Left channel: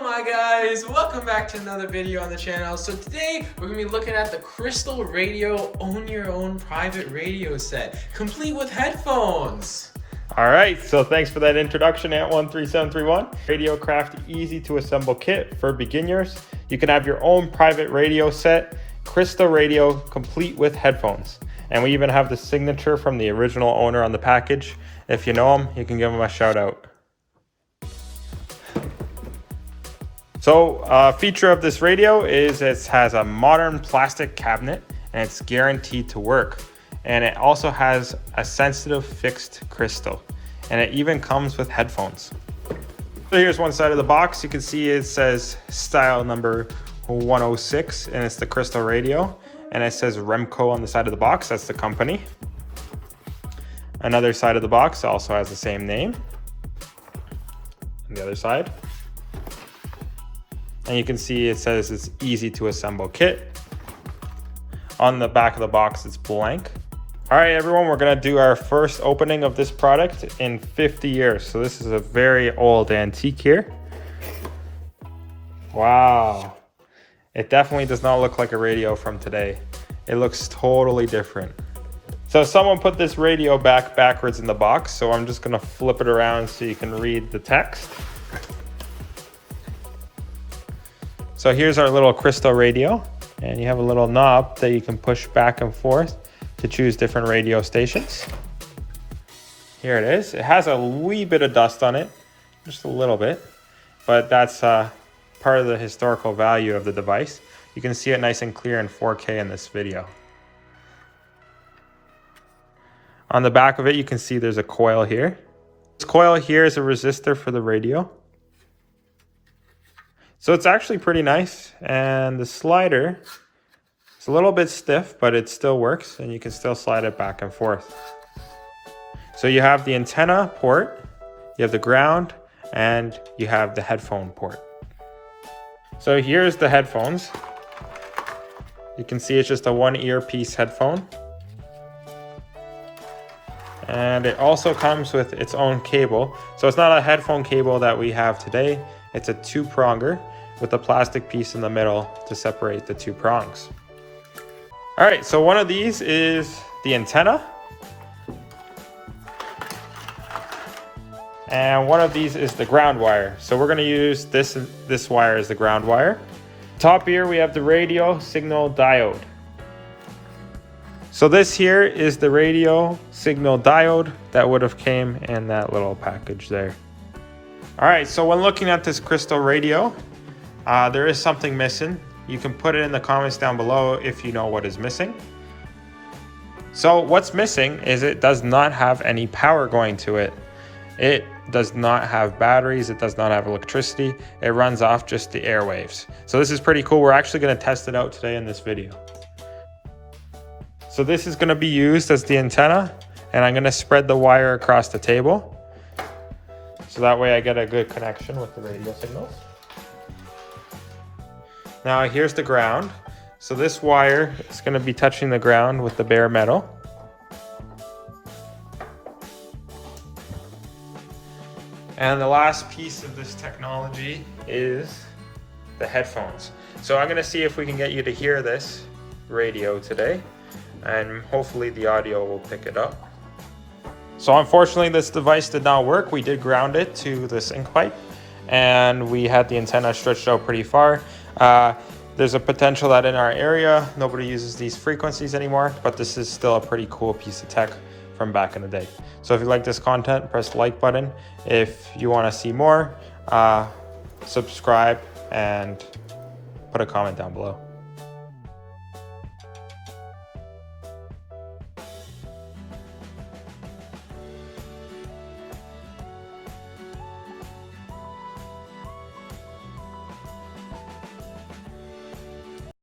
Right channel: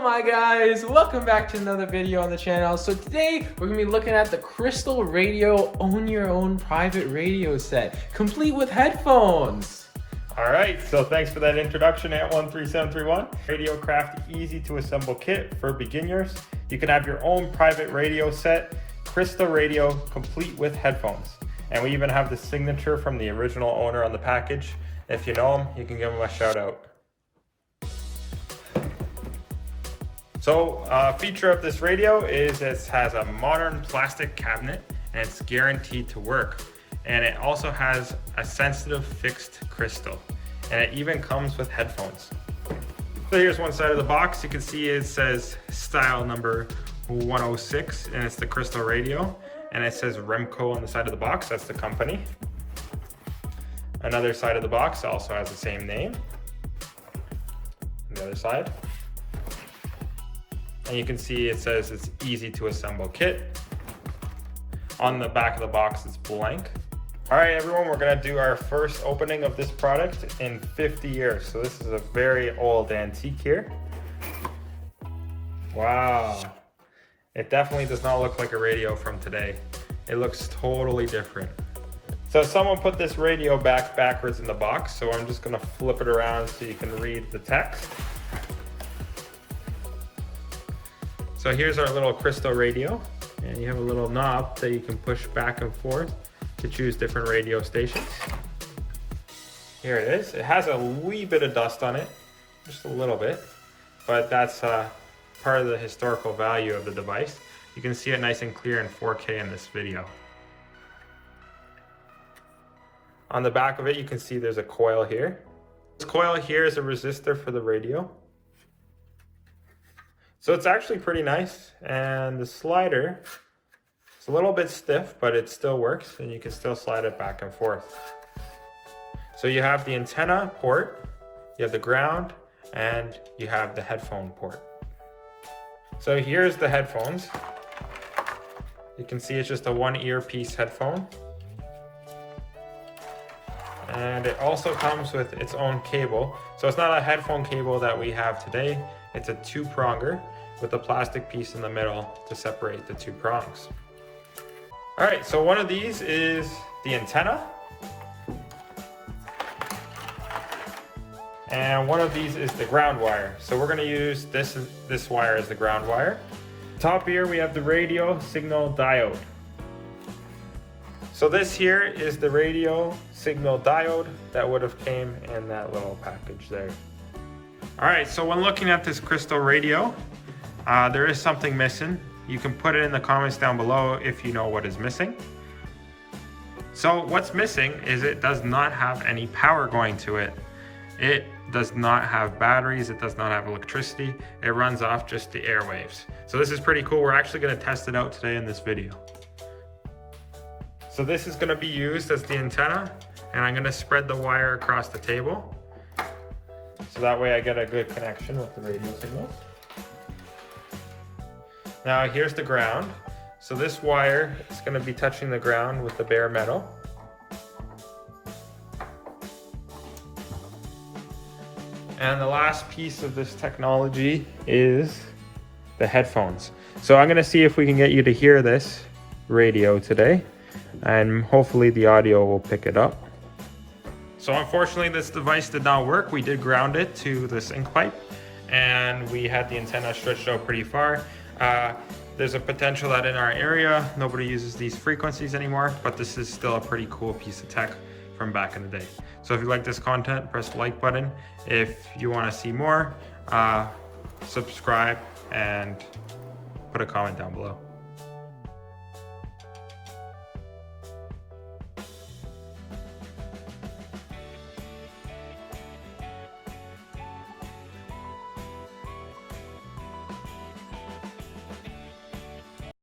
Hello my guys, welcome back to another video on the channel. So today we're going to be looking at the Crystal Radio Own Your Own Private Radio Set, complete with headphones. All right, so thanks for that introduction, Ant13731. Radiocraft easy to assemble kit for beginners. You can have your own private radio set, Crystal Radio, complete with headphones. And we even have the signature from the original owner on the package. If you know him, you can give him a shout out. So a feature of this radio is it has a modern plastic cabinet and it's guaranteed to work. And it also has a sensitive fixed crystal, and it even comes with headphones. So here's one side of the box. You can see it says style number 106 and it's the Crystal Radio, and it says Remco on the side of the box. That's the company. Another side of the box also has the same name. On the other side. And you can see it says it's easy to assemble kit. On the back of the box, it's blank. All right, everyone, we're gonna do our first opening of this product in 50 years. So this is a very old antique here. Wow. It definitely does not look like a radio from today. It looks totally different. So someone put this radio backwards in the box. So I'm just gonna flip it around so you can read the text. So here's our little Crystal Radio, and you have a little knob that you can push back and forth to choose different radio stations. Here it is. It has a wee bit of dust on it, just a little bit, but that's part of the historical value of the device. You can see it nice and clear in 4K in this video. On the back of it, you can see there's a coil here. This coil here is a resistor for the radio. So it's actually pretty nice, and the slider, it's a little bit stiff, but it still works, and you can still slide it back and forth. So you have the antenna port, you have the ground, and you have the headphone port. So here's the headphones. You can see it's just a one earpiece headphone. And it also comes with its own cable. So it's not a headphone cable that we have today. It's a two-pronger with a plastic piece in the middle to separate the two prongs. All right, so one of these is the antenna. And one of these is the ground wire. So we're gonna use this wire as the ground wire. Top here, we have the radio signal diode. So this here is the radio signal diode that would have came in that little package there. All right, so when looking at this Crystal Radio, there is something missing. You can put it in the comments down below if you know what is missing. So what's missing is it does not have any power going to it. It does not have batteries. It does not have electricity. It runs off just the airwaves. So this is pretty cool. We're actually gonna test it out today in this video. So this is gonna be used as the antenna, and I'm gonna spread the wire across the table. So that way I get a good connection with the radio signal. Now here's the ground. So this wire is gonna be touching the ground with the bare metal. And the last piece of this technology is the headphones. So I'm gonna see if we can get you to hear this radio today, and hopefully the audio will pick it up. So unfortunately this device did not work. We did ground it to the sync pipe, and we had the antenna stretched out pretty far. There's a potential that in our area nobody uses these frequencies anymore, but this is still a pretty cool piece of tech from back in the day. So if you like this content, press the like button. If you want to see more, subscribe and put a comment down below.